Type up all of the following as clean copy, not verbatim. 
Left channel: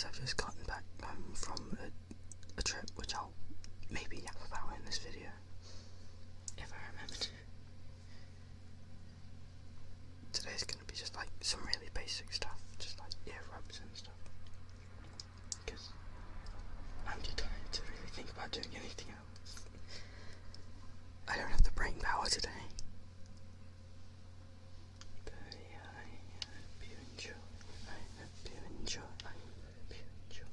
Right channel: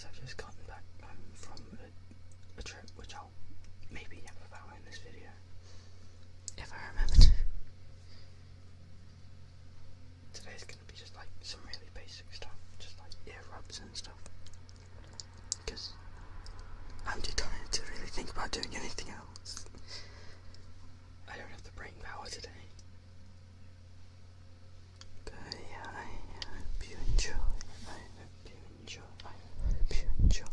guys, I've just gotten back from a trip which I'll maybe yap about in this video, if I remember to. Today's going to be just like some really basic stuff, just like ear rubs and stuff, because I'm too tired to really think about doing anything else. I don't have the brain power today. But yeah, I hope you enjoy. I hope you enjoy. I hope you enjoy.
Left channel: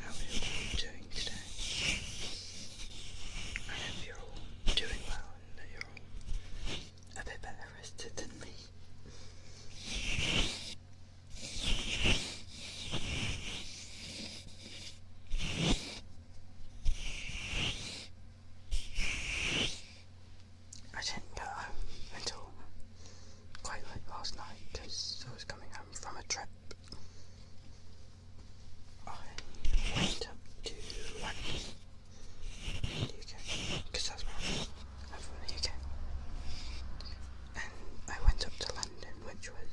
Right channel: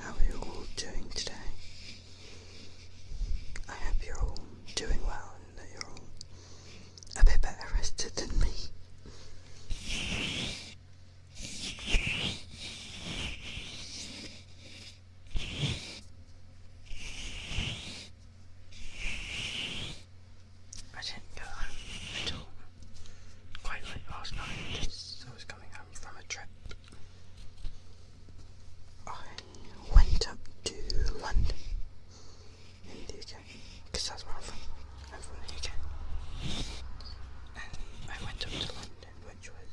How are you all doing today? I hope you're all doing well and that you're all a bit better rested than me. I didn't get home until quite late last night as I was coming home from a trip. I went up to London in the UK, because that's where I'm from the UK. And I went up to London, which was,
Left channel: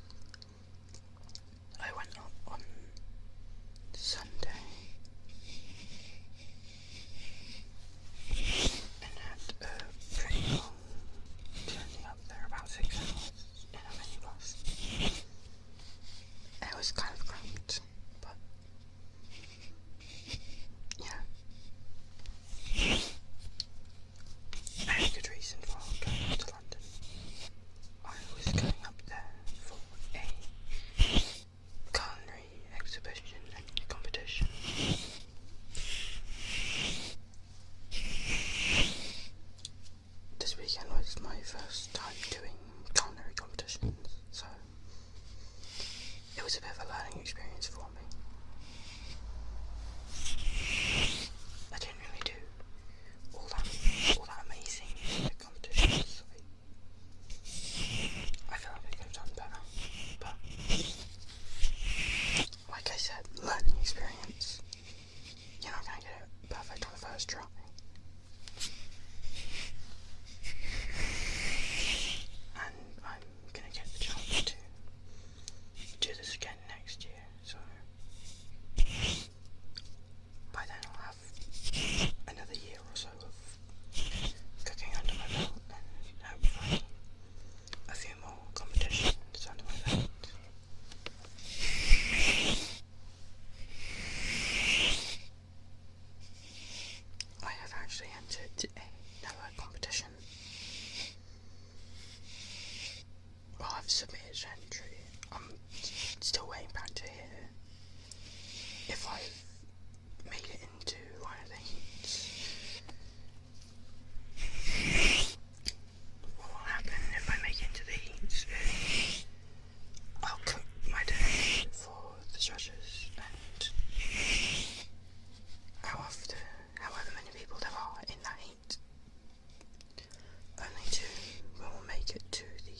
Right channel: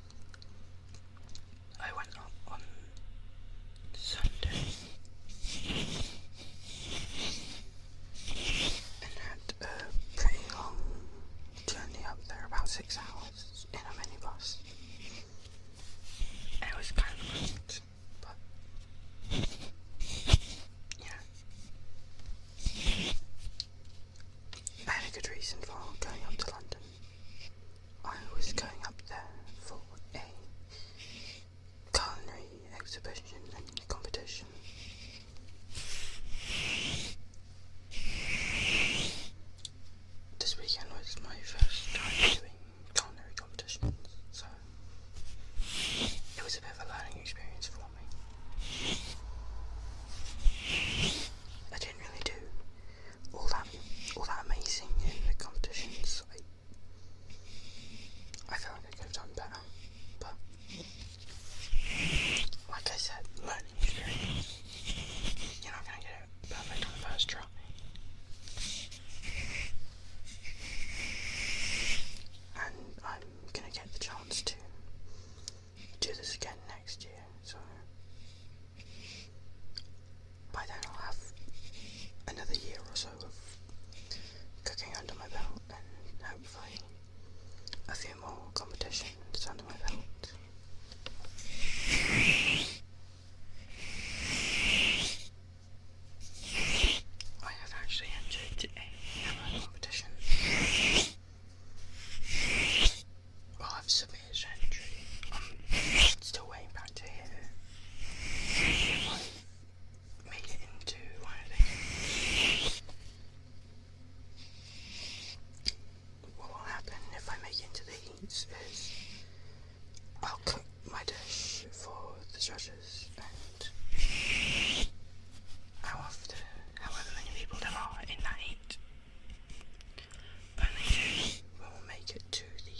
I went up on Sunday and had a pretty long journey up there, about 6 hours in a minibus. And it was kind of great, but yeah, I had a good reason for going up to London. I was going up there for a culinary exhibition and competition. This weekend was my first time doing culinary competitions, so it was a bit of a learning experience for me. I didn't really do all that amazing in the competitions. I feel like I could have done better, but like I said, learning experience. You're not gonna get it perfect on the first try. And I'm gonna get the chance to do this again next year, so by then I'll have another year or so of cooking under my belt and hopefully a few more competitions under my belt. I have actually entered another competition. Well, I've submitted an entry. I'm still waiting back to hear if I've made it into one of the games. What will happen if I make it into the heats is I'll cook my dish for the judges, and however many people there are in that heat, only 2 will make it to the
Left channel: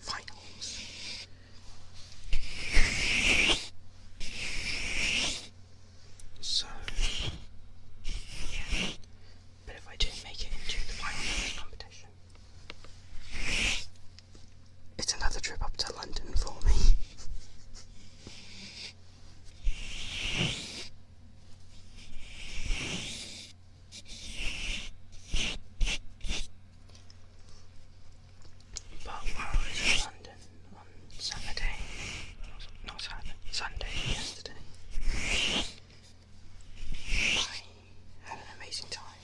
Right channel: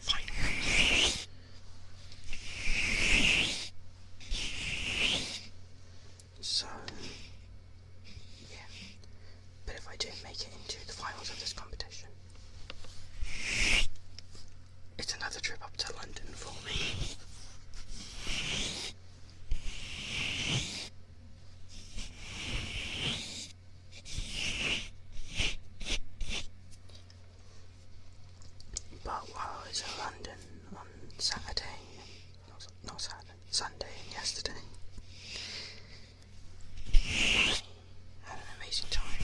finals. So, yeah. But if I do make it into the finals of this competition, it's another trip up to London for me. But while I was in London on Saturday, not Saturday, Sunday yesterday, I had an amazing time.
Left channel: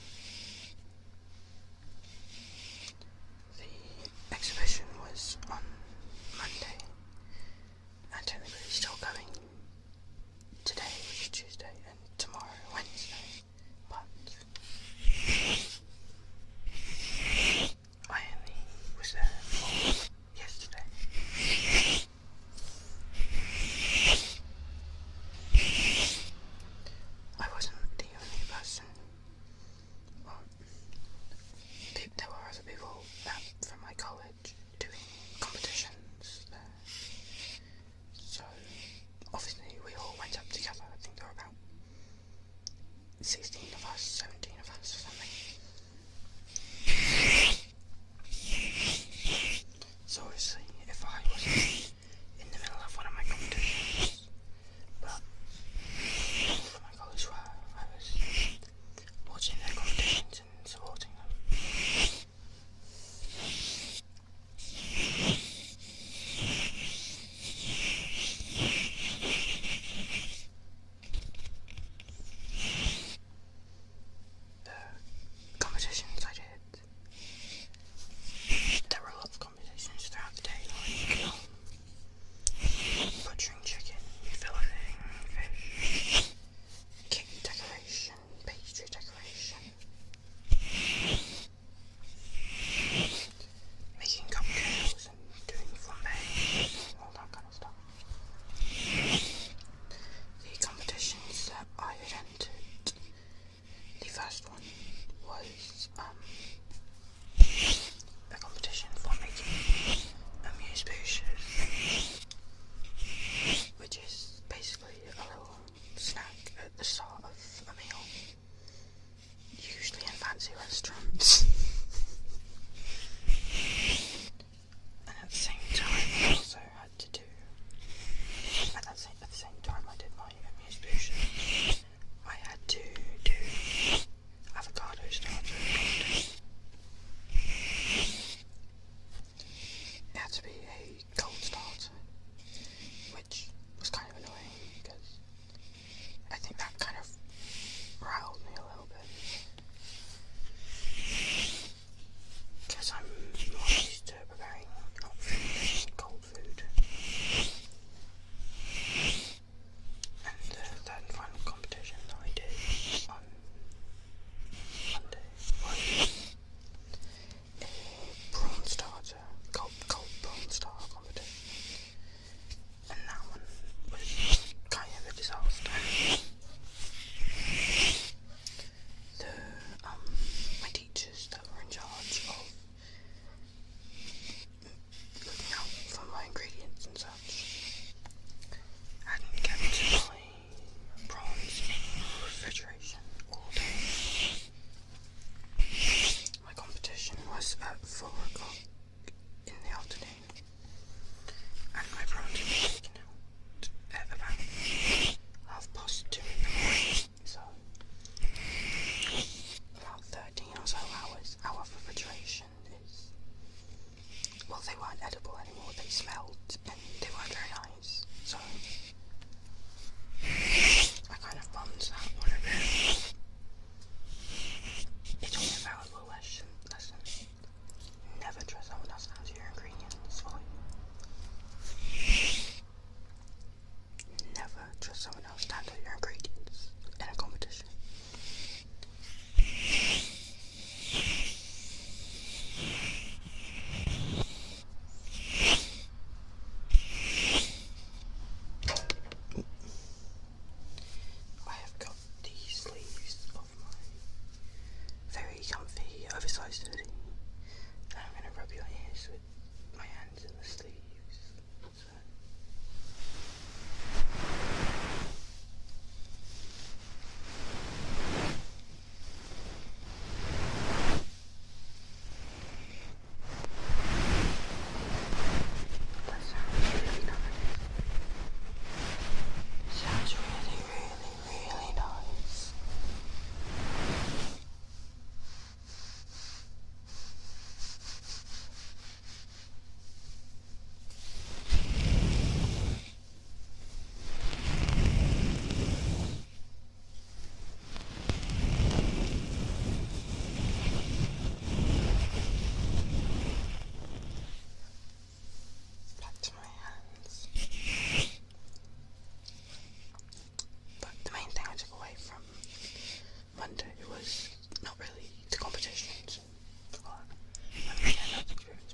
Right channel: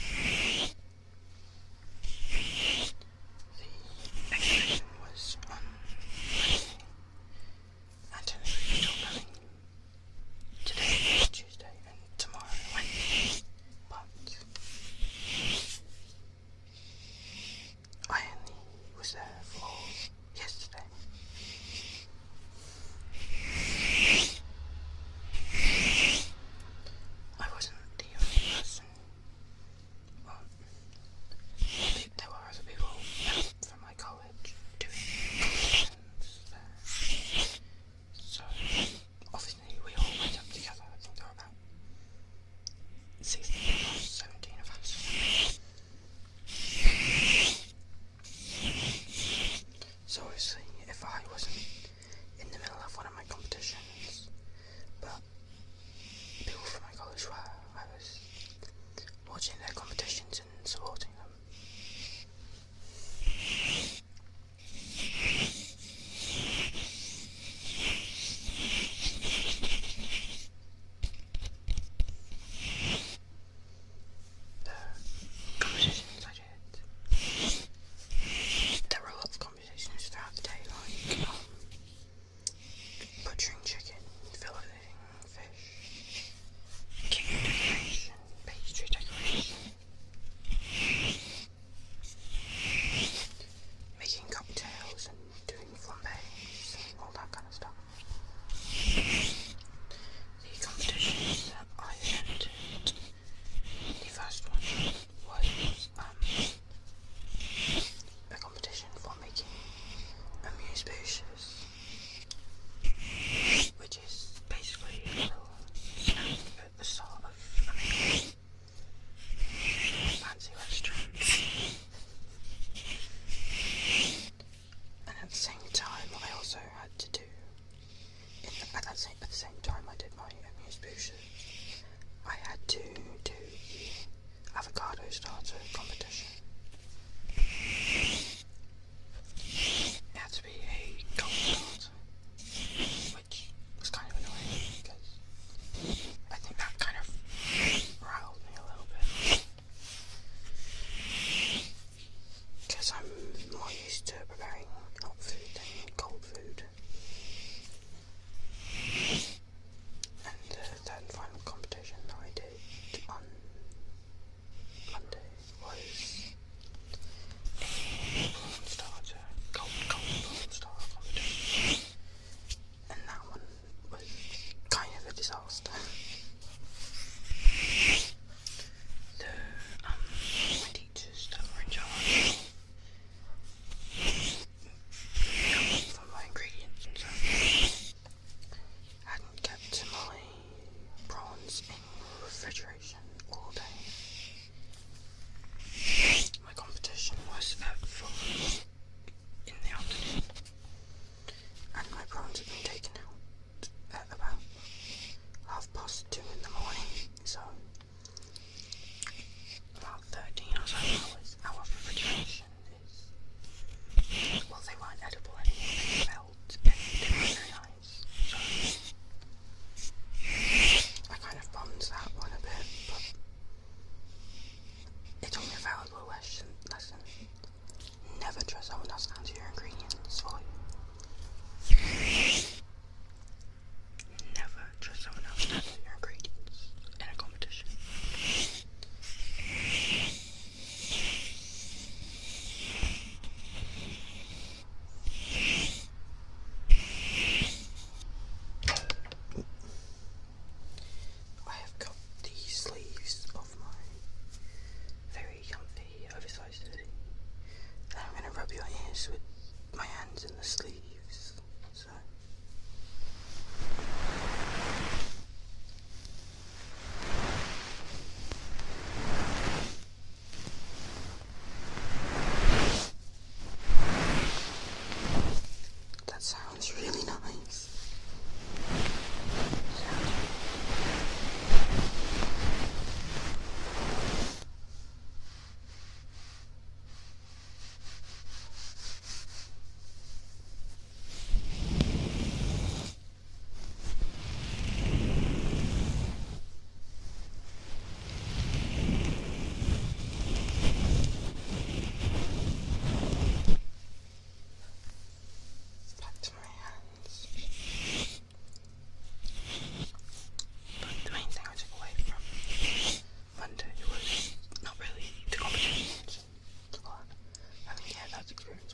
The exhibition was on Monday, and technically still going today, Tuesday, and tomorrow, Wednesday, but I only was there for yesterday.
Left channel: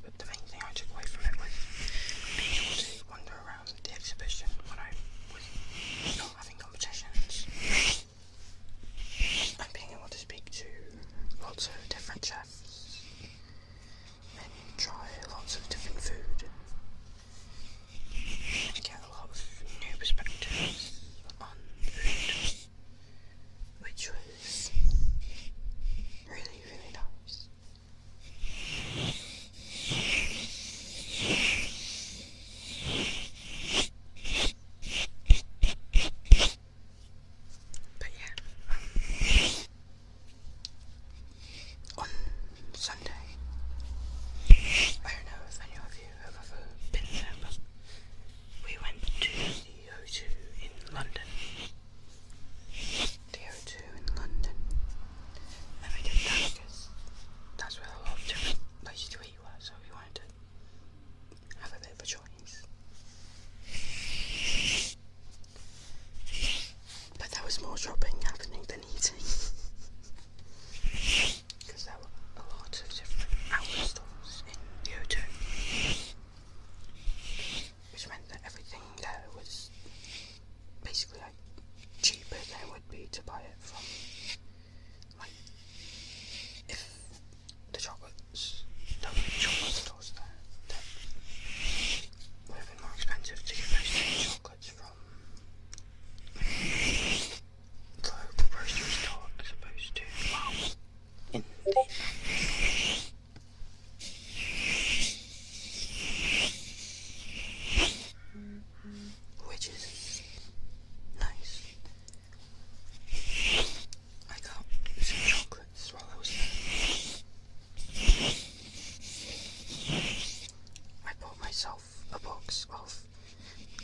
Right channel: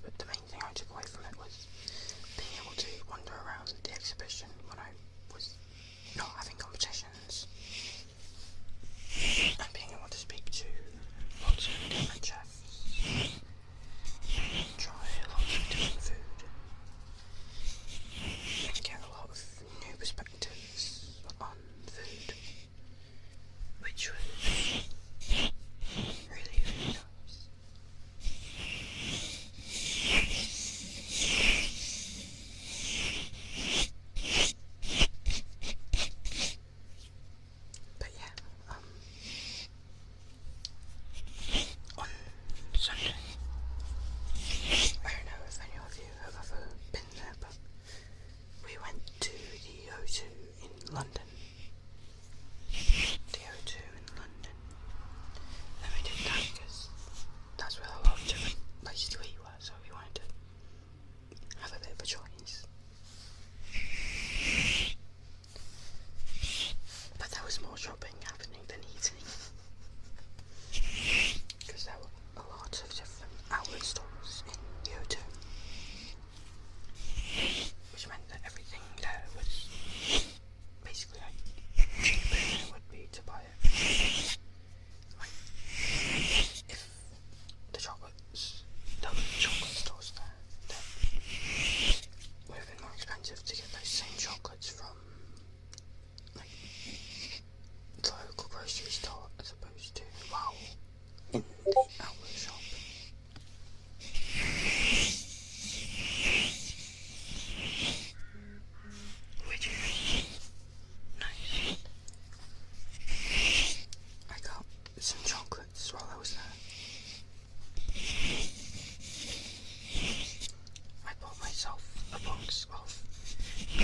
but the main thing I took away from it was being able to wander around the exhibition when I was not having competitions, and being able to speak to lots of different chefs, try lots of different food, and get a lot of new perspectives on food, which was really, really nice. But yeah, on Sunday, I don't know if any of you have ever been there, but we went to the O2 in London. The O2 in London. And we did that because that's where a lot of different places to eat were, so we wanted to have a bit of a choice. But there was more shopping happening than eating. Because there were a lot of different outlet stores in the O2. Which meant that everything there was basically like cheaper than it would be to buy it from, like, if the chocolates, there were chocolate stores there that would have been more expensive to get those same chocolates from the local grocery store as opposed to, well, in the outlet shop. Which is nice. I got some chocolates while I was there. I bought myself a box of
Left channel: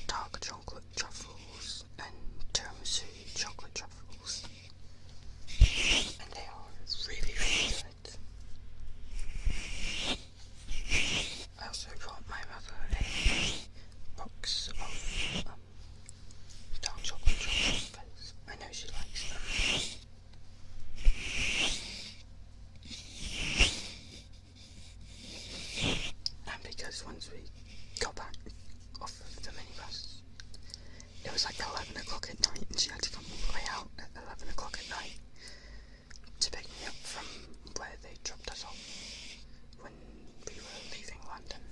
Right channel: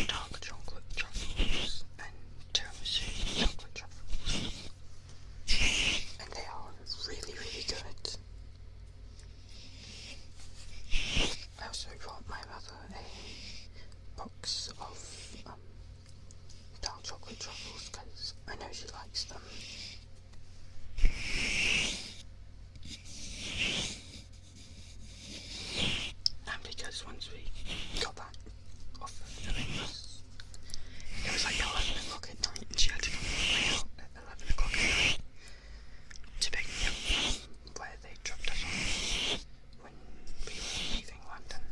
dark chocolate truffles and tiramisu chocolate truffles, and they are really, really good. I also got my mother a box of dark chocolate truffles because I know she likes them. And because once we got back off of the bus, it was like 11 o'clock at night and she had to come out at 11 o'clock at night to pick me up from where they dropped us off when we were leaving London.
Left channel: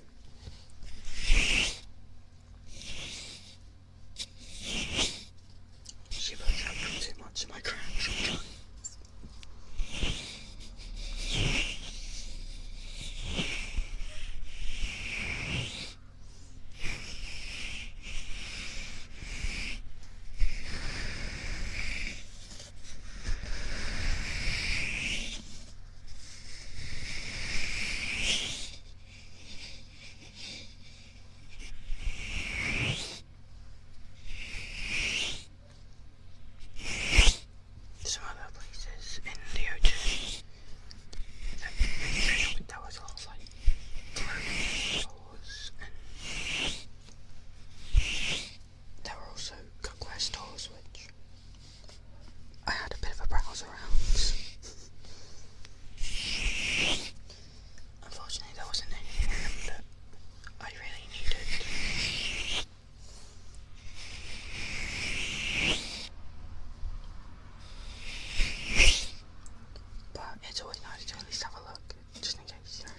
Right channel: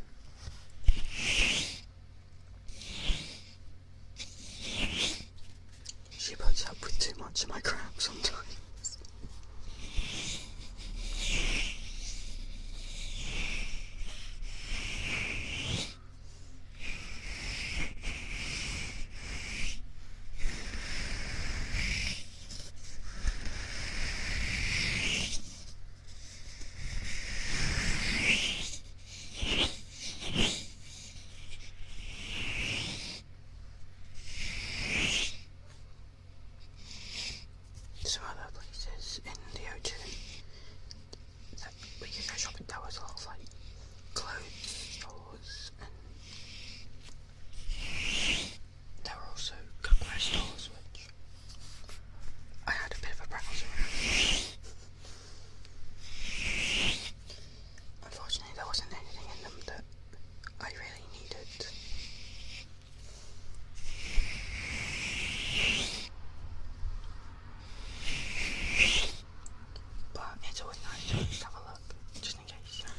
She puts up with too much of my crap sometimes. Some other places in the O2 that we could go shopping, there was a lot of like clothes stores, and there were also cookware stores which I had a bit of a browse around. Unfortunately there wasn't anything in them that I really needed. But it's always nice to at least have a look, just in case, you know.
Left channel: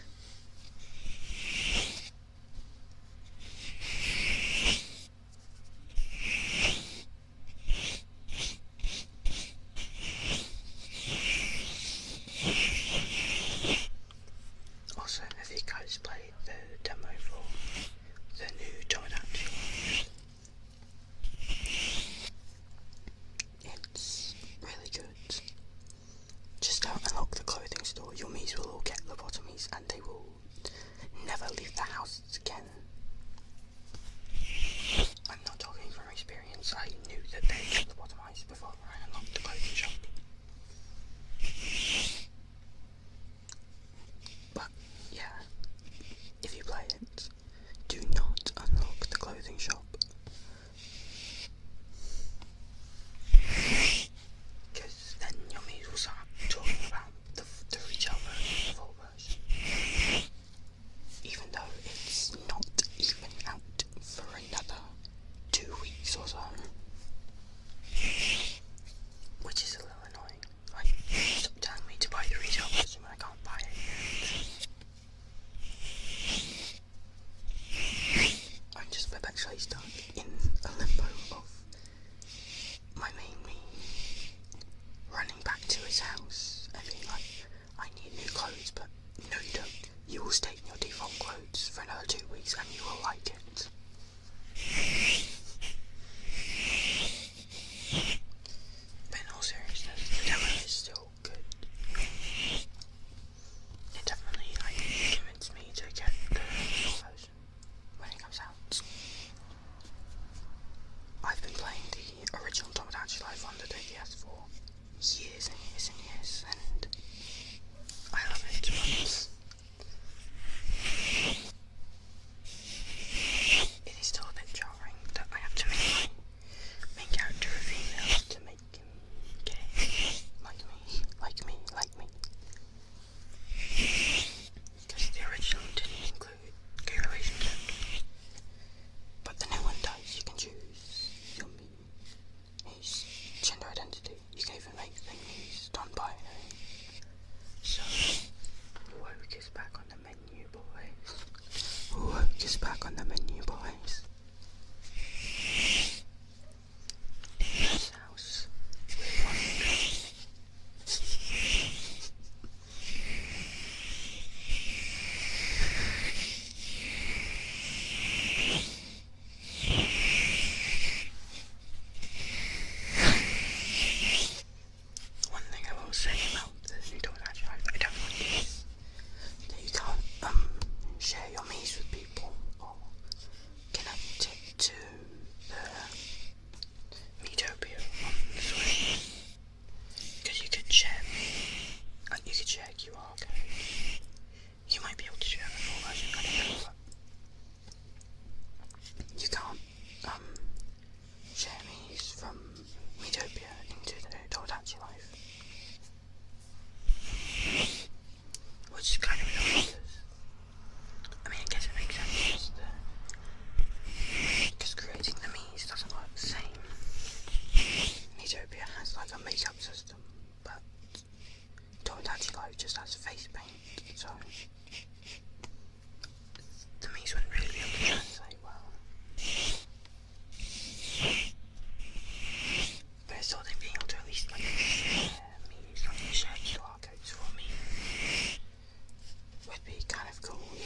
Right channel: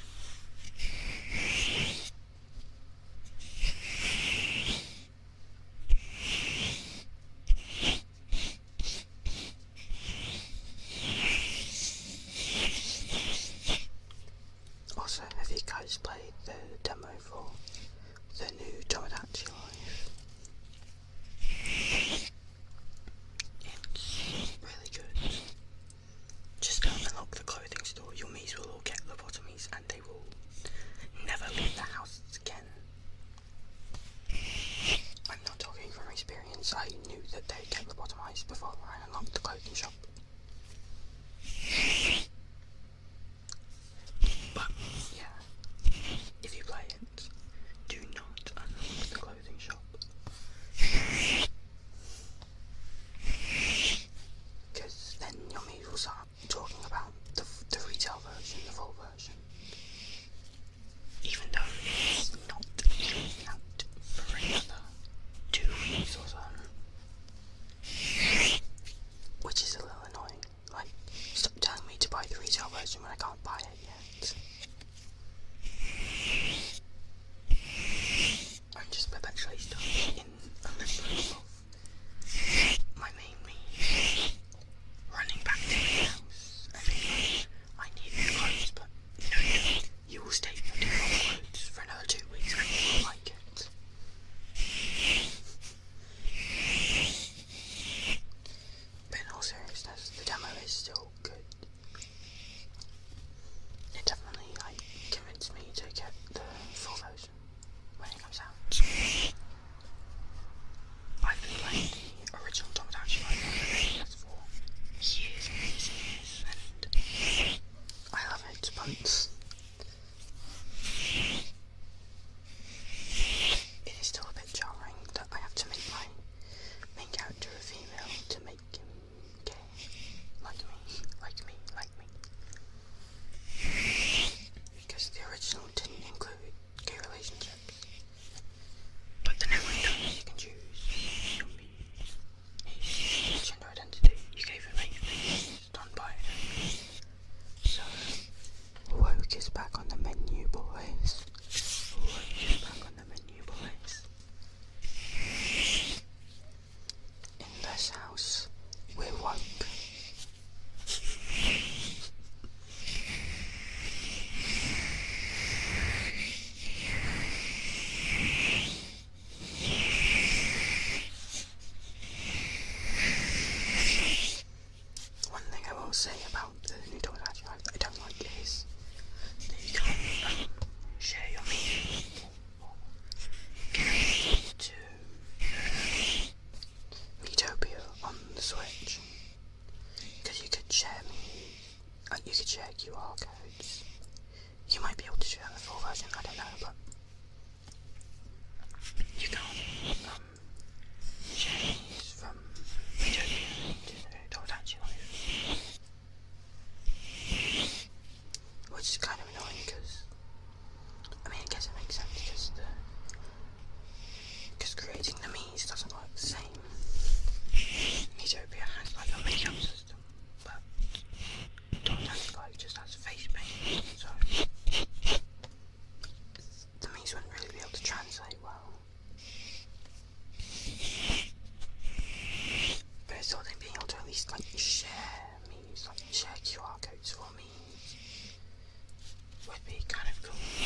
Also, have you guys played the demo for the new Tomodachi Life? It's really good. Just don't unlock the clothing store, your Miis will all get lobotomies and they will never leave the house again. I'm not talking from experience, I knew that they get lobotomized before I unlocked the clothing shop. But, yeah, if you play it, do not unlock the clothing shop. kind of cool.